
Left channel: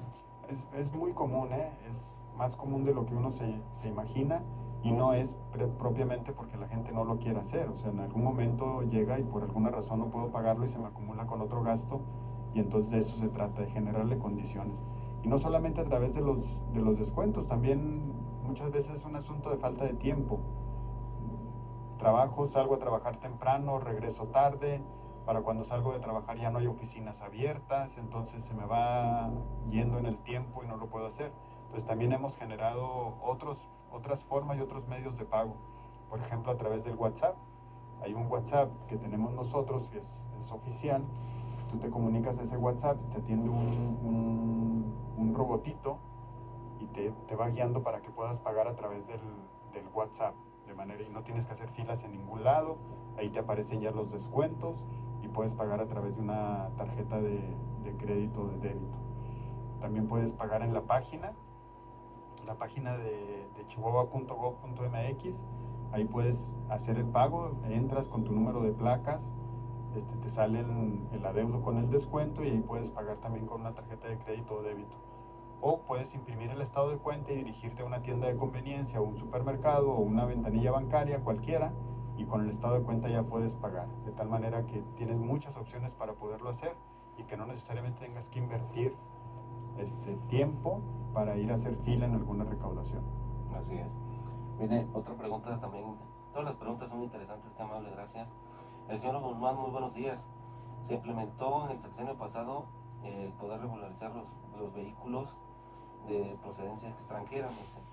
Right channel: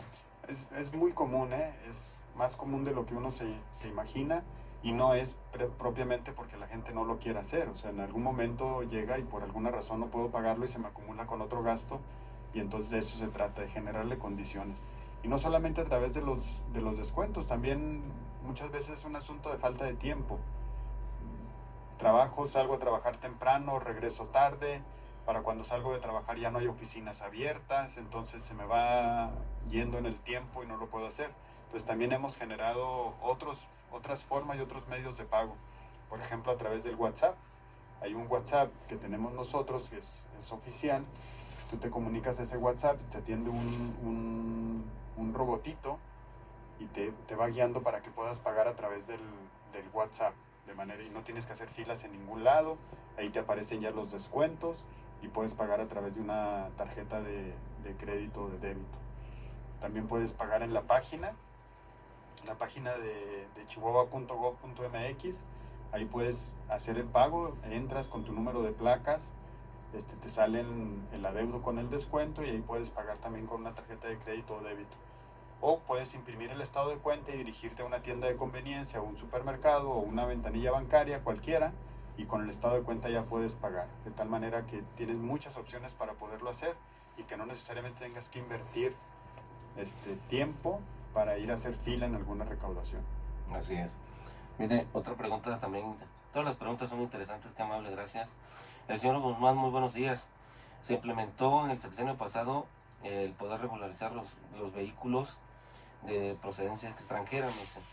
Es muy común, es más común de lo que uno se imagina y no es propiamente porque la gente no lo quiera hacer. O sea, en algún momento llega y por alguna razón no puedo pagarlo y se me acumula con otro gasto y entonces de eso se trata, de generarle condiciones. Y no solamente a través de los descuentos, también muchas veces es un asunto de falta de tiempo. Salgo a trabajar temprano, regreso tarde, para cuando salgo de trabajar ya no hay oficinas abiertas, entonces se me va yendo en el tiempo y no lo puedo hacer. Entonces también hemos generado otras formas y otros medios de pago. Por ejemplo, a través del WhatsApp. Hay un WhatsApp que tenemos nosotros que es oficial. Tú te comunicas a ese WhatsApp y te atiende un robotito y te va guiando para que puedas pagar a través del WhatsApp. De manera y no tienes que hacer filas en ningún lado, ahí te aparecen ya los descuentos y puedes pagar a través de una tarjeta de crédito o de débito. También puedes pagar en la página de chihuahua.gov.mx, ahí puedes hacer el pago, entras con tu número de placas, te sale el adeudo con el descuento y ahí puedes pagar también con una tarjeta de crédito o débito. O puedes imprimir el estado de cuenta y dirigirte a una tienda de conveniencia o un supermercado o una ventanilla bancaria, cualquiera, y con el estado de cuenta ya puedes pagar. De tal manera que tienes muchas opciones para poderlo hacer y que no necesariamente tengas que invertir tiempo para ir a hacer fila en alguna recaudación. Así es. Mire, otra pregunta también. Todas las preguntas son interesantes, qué amable, gracias. El señor Guzmán, muy buenos días. Se implementó en el sexenio pasado el poder regularizar los vehículos de procedencia extranjera, me dicen.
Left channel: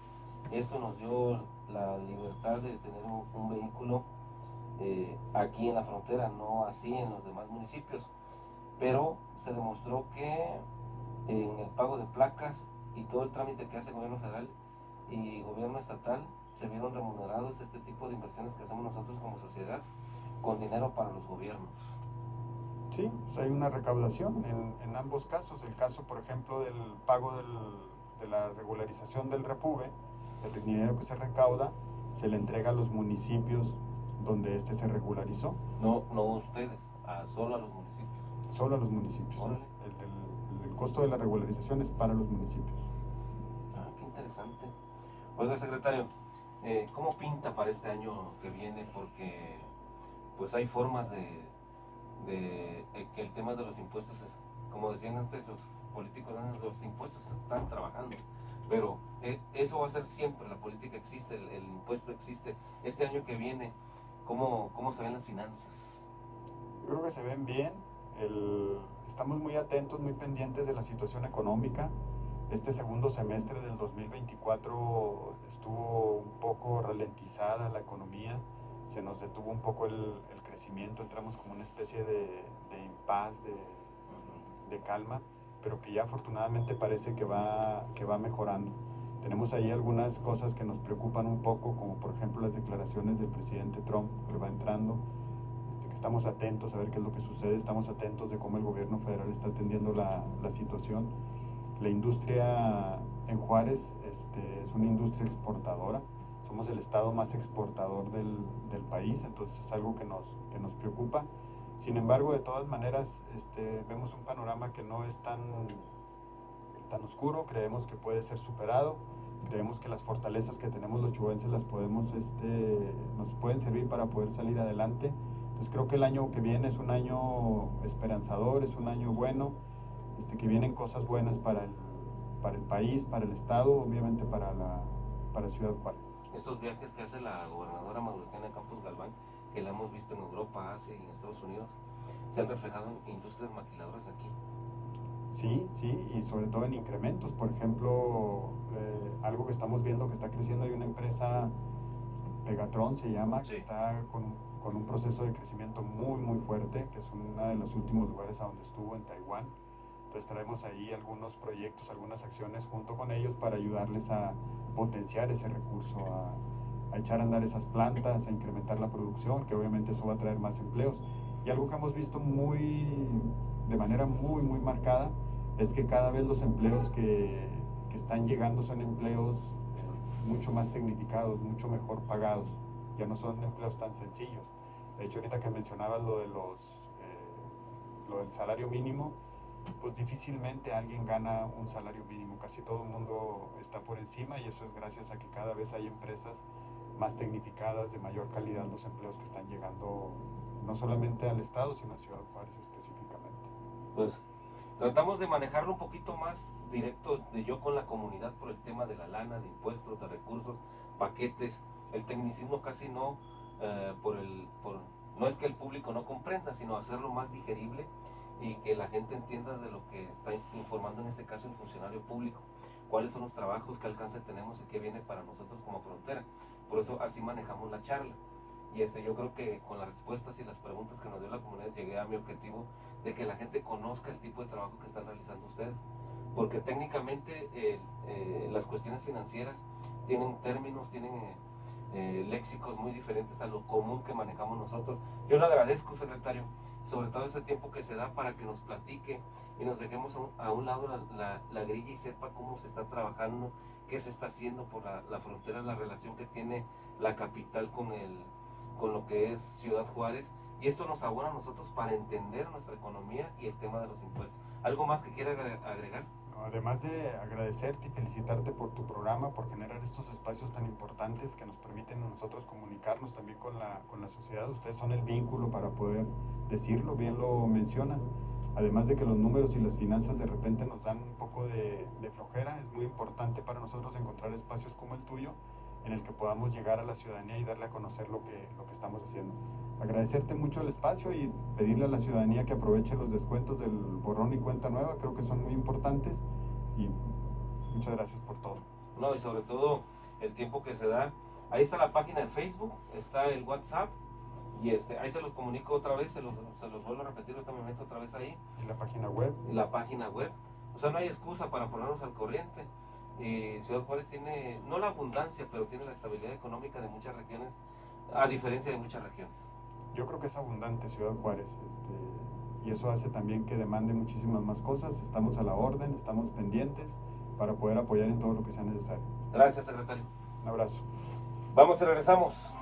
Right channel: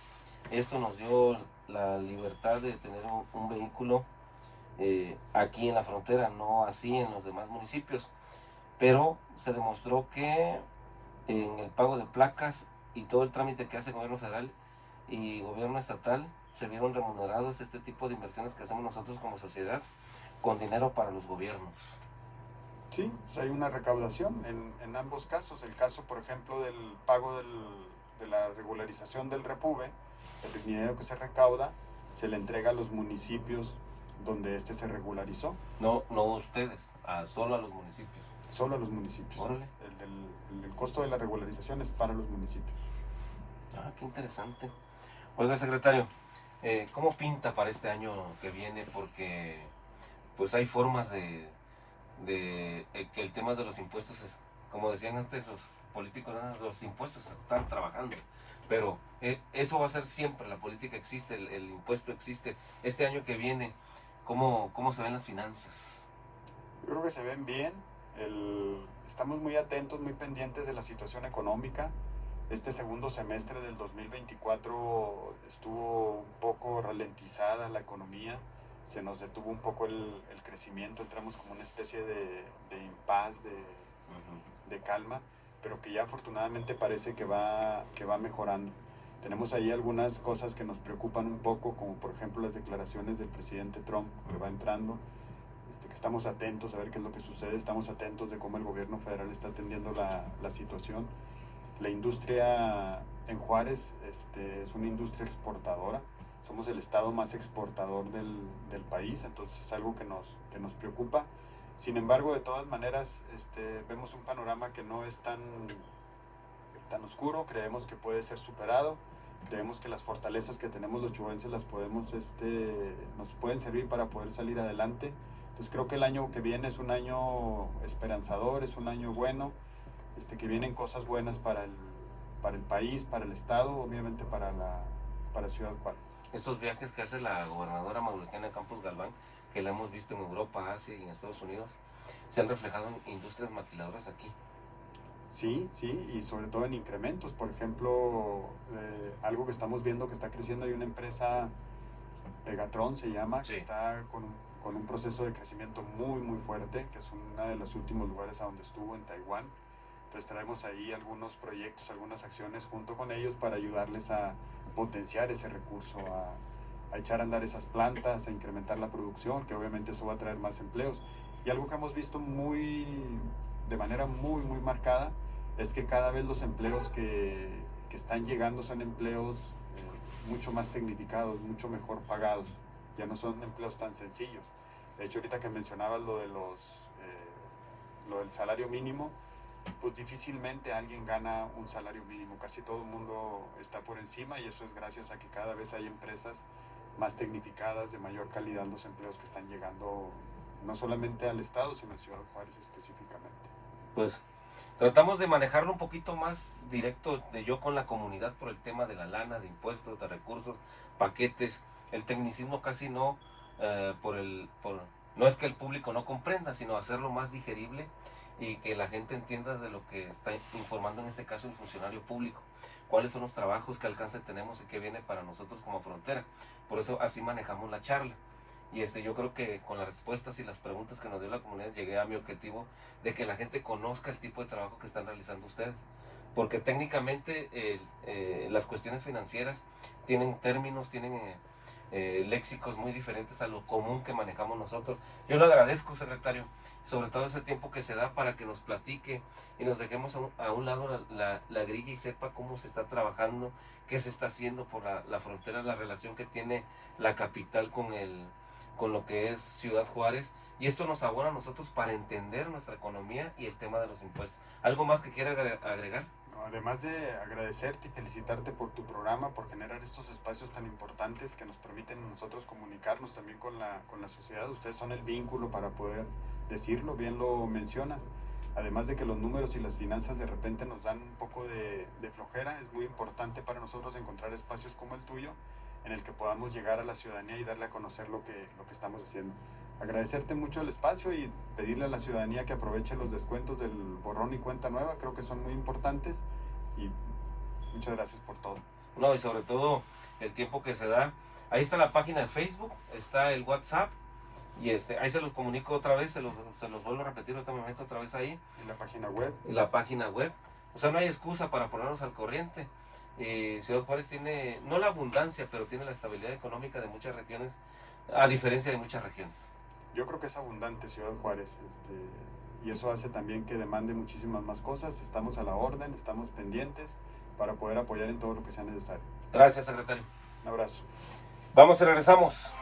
Esto nos dio la libertad de tener un vehículo aquí en la frontera, no así en los demás municipios. Pero se demostró que en el pago de placas y todo el trámite que hace el gobierno federal y gobierno estatal se vieron remunerados este tipo de inversiones que hacemos nosotros como sociedad con dinero para los gobiernos. Sí, pues hay una recaudación en ambos casos. El caso, por ejemplo, del pago de la regularización del Repube, el dinero que se recauda se le entrega a los municipios donde se regularizó. No, no ustedes, solo a los municipios. Solo a los municipios. Órale. El costo de la regularización es para los municipios. Ah, qué interesante. Oiga, secretario, ¿cómo pinta para este año que viene? Porque pues hay formas de que el tema de los impuestos, como decían antes políticos, los impuestos están trabajando, pero eso va a ser siempre, la política existe, el impuesto existe. Este año que viene, ¿cómo se ven las finanzas? Yo creo que se ven bien. Estamos muy atentos, muy pendientes de la situación económica. Este segundo semestre del 2024 estuvo un poco ralentizada la economía, se nos detuvo un poco el crecimiento, entramos como una especie de impas, de calma, pero que ya afortunadamente parece que va mejorando. Tenemos ahí algunas cosas que nos preocupan un poco, como por ejemplo las declaraciones del presidente Trump que va entrando, que estamos atentos a ver qué es lo que sucede, estamos atentos de cómo el gobierno federal está atendiendo la situación. La industria en Juárez es una industria exportadora, somos el estado más exportador del país, entonces es algo que nos preocupa. Sin embargo, de todas maneras, vemos un panorama que no es tan oscuro, creemos que puede ser superado, creemos que las fortalezas que tenemos los chubenses nos pueden servir para poder salir adelante. Entonces creo que el año que viene es un año esperanzador, es un año bueno, que vienen cosas buenas para el país, para el estado, obviamente para Ciudad Juárez. Estos viajes que hace la gobernadora Mauriciana Campos Galván, que la hemos visto en Europa, Asia y en Estados Unidos, se han reflejado en industrias maquiladoras aquí. Sí, y sobre todo en incrementos. Por ejemplo, algo que estamos viendo que está creciendo, hay una empresa, Pegatron se llama, sí, que está con un proceso de crecimiento muy, muy fuerte, que es uno de los últimos lugares a donde estuvo, en Taiwán. Entonces traemos ahí algunos proyectos, algunas acciones junto con ellos para ayudarles a potenciar ese recurso, a echar a andar esas plantas, a incrementar la producción, que obviamente eso va a traer más empleos. Y algo que hemos visto de manera muy, muy marcada es que cada vez los empleos que están llegando son empleos mucho más tecnificados, mucho mejor pagados. Ya no son empleos tan sencillos. De hecho, ahorita que mencionabas lo del salario mínimo, pues difícilmente alguien gana un salario mínimo. Casi todo el mundo está por encima, y eso es gracias a que cada vez hay empresas más tecnificadas, de mayor calidad, los empleos que están llegando no solamente al estado, sino a Ciudad Juárez específicamente. Pues tratamos de manejarlo un poquito más directo de yo con la comunidad por el tema de la lana, de impuestos, de recursos, paquetes. El tecnicismo casi no, no es que el público no comprenda, sino hacerlo más digerible y que la gente entienda de lo que está informando, en este caso el funcionario público, cuáles son los trabajos, qué alcance tenemos y qué viene para nosotros como frontera. Por eso así manejamos la charla. Y yo creo que con las respuestas y las preguntas que nos dio la comunidad llegué a mi objetivo de que la gente conozca el tipo de trabajo que están realizando ustedes. Porque técnicamente las cuestiones financieras tienen términos, tienen léxicos muy diferentes a lo común que manejamos nosotros. Yo le agradezco, secretario, sobre todo ese tiempo que se da para que nos platique y nos dejemos a un lado la grilla y sepa cómo se está trabajando, qué se está haciendo por la frontera, la relación que tiene la capital con lo que es Ciudad Juárez, y esto nos abona a nosotros para entender nuestra economía y el tema de los impuestos. ¿Algo más que quiera agregar? Además de agradecerte y felicitarte por tu programa, por generar estos espacios tan importantes que nos permiten a nosotros comunicarnos también con la sociedad. Ustedes son el vínculo para poder decirlo, bien lo mencionas. Además de que los números y las finanzas de repente nos dan un poco de flojera, es muy importante para nosotros encontrar espacios como el tuyo, en el que podamos llegar a la ciudadanía y darle a conocer lo que estamos haciendo. Agradecerte mucho el espacio y pedirle a la ciudadanía que aproveche los descuentos del borrón y cuenta nueva, creo que son muy importantes, y muchas gracias por todo. No, y sobre todo el tiempo que se da. Ahí está la página de Facebook, está el WhatsApp, y ahí se los comunico otra vez, se los vuelvo a repetir, ahorita me meto otra vez ahí. ¿Y la página web? La página web. O sea, no hay excusa para ponernos al corriente. Ciudad Juárez tiene, no la abundancia, pero tiene la estabilidad económica de muchas regiones, a diferencia de muchas regiones. Yo creo que es abundante Ciudad Juárez, y eso hace también que demande muchísimas más cosas. Estamos a la orden, estamos pendientes para poder apoyar en todo lo que sea necesario. Gracias, secretario. Un abrazo. Vamos y regresamos.